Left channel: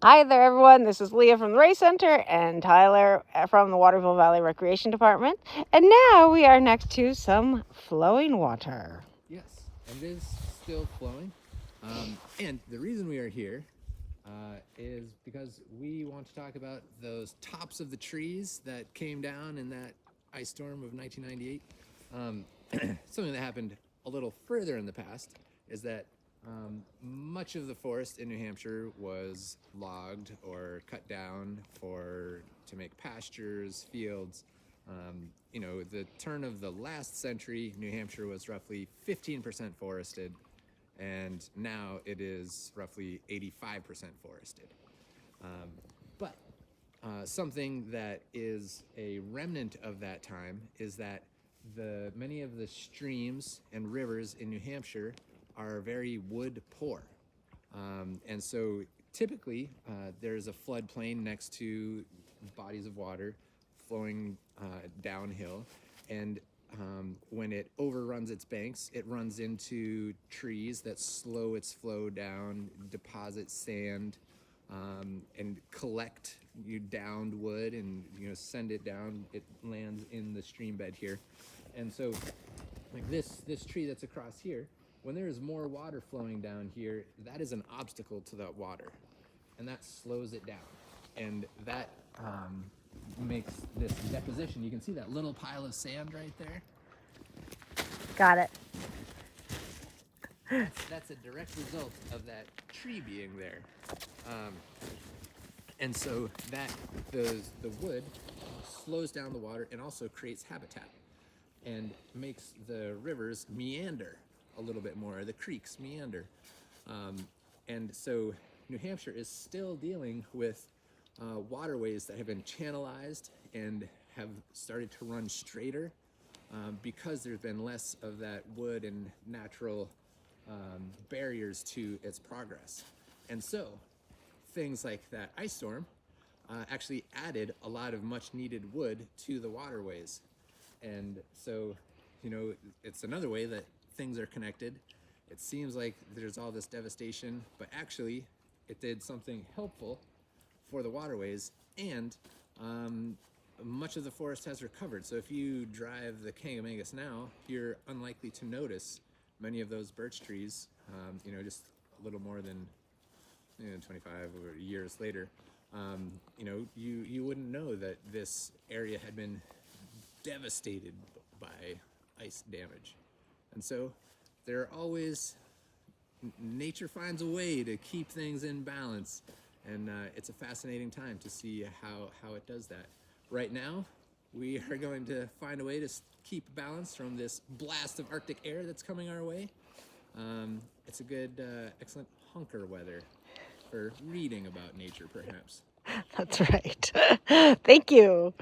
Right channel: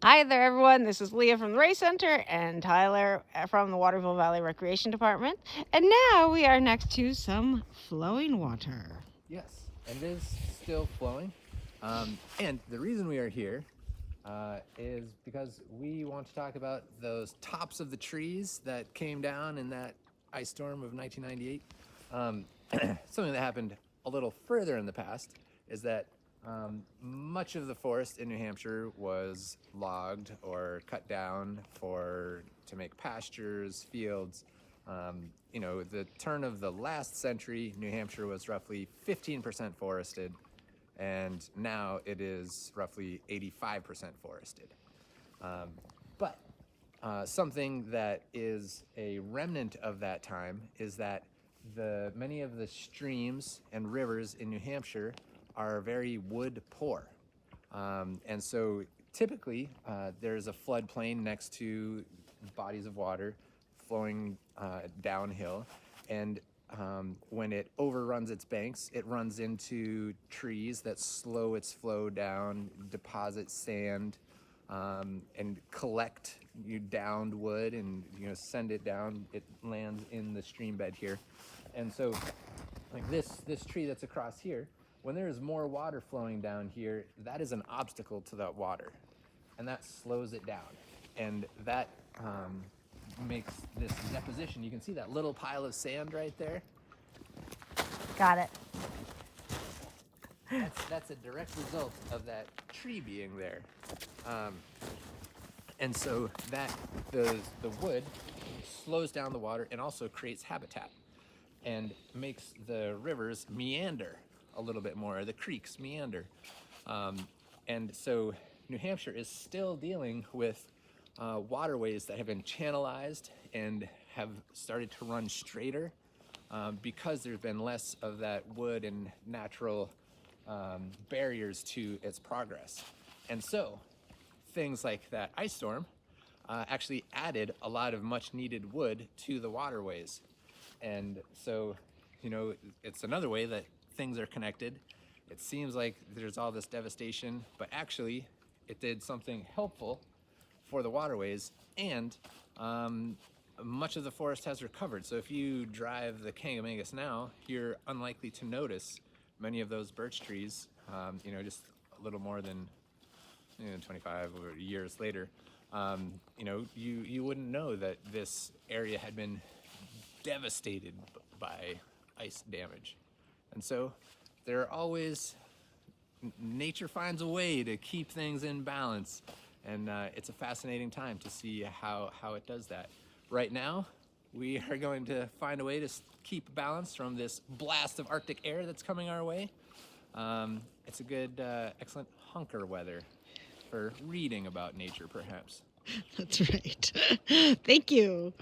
Hi there, everyone. This is Leah from the Race Center and Tyler from the Waterville Valley Recreation Department. And now we are next to some flowing water. Yes, and it is still flowing. And the reason we are here is because we want to talk about those tops of the trees that came down in that ice storm of 1998. Something that happened a little further in the past is that much of the forest in New Hampshire was logged or cut down to make pastures, fields. The turn of the last century, New Hampshire was roughly 15% forested, and now it is roughly 85% forested. But something that is a remnant of that time is that many of the streams and rivers in New Hampshire are very wood poor. And so typically there's a floodplain next to bodies of water flowing downhill. And when it overruns its banks, it runs into trees that slow its flow down, deposit sand, and collect downed wood and send it down. It lands in the stream bed here. And so like this tree that's across here, when there is more water flowing down here, that is an obstacle to that water, and that slows it down, and that makes this deposition. You can see that little pile of sand right there. Got it. That's a direct result of that tree being there. And so that the wood slows down the water and also creates habitat and makes the rivers meander a little bit more, or the creeks meander. And so New Hampshire is still dealing with waterways that have been channelized and have started to run straighter because there's been less of that wood and natural barriers to its progress. And so things like that ice storm actually added a lot of much needed wood to the waterways. And so, it's another way that things are connected. It seems like there's all this devastation, but actually it did something helpful for the waterways, and much of the forest has recovered. So if you drive the Kangamangas now, you're unlikely to notice many of those birch trees, just a little more than 25 years later. You wouldn't know that this area had been devastated by ice damage. And so there are always, nature finds a way to keep things in balance, and it's a fascinating time to see how it does that. Right now, we are going to find a way to keep balance from this blast of Arctic air that's coming our way. It's a good, excellent hunker weather for reading about nature, perhaps. That's right. Thank you.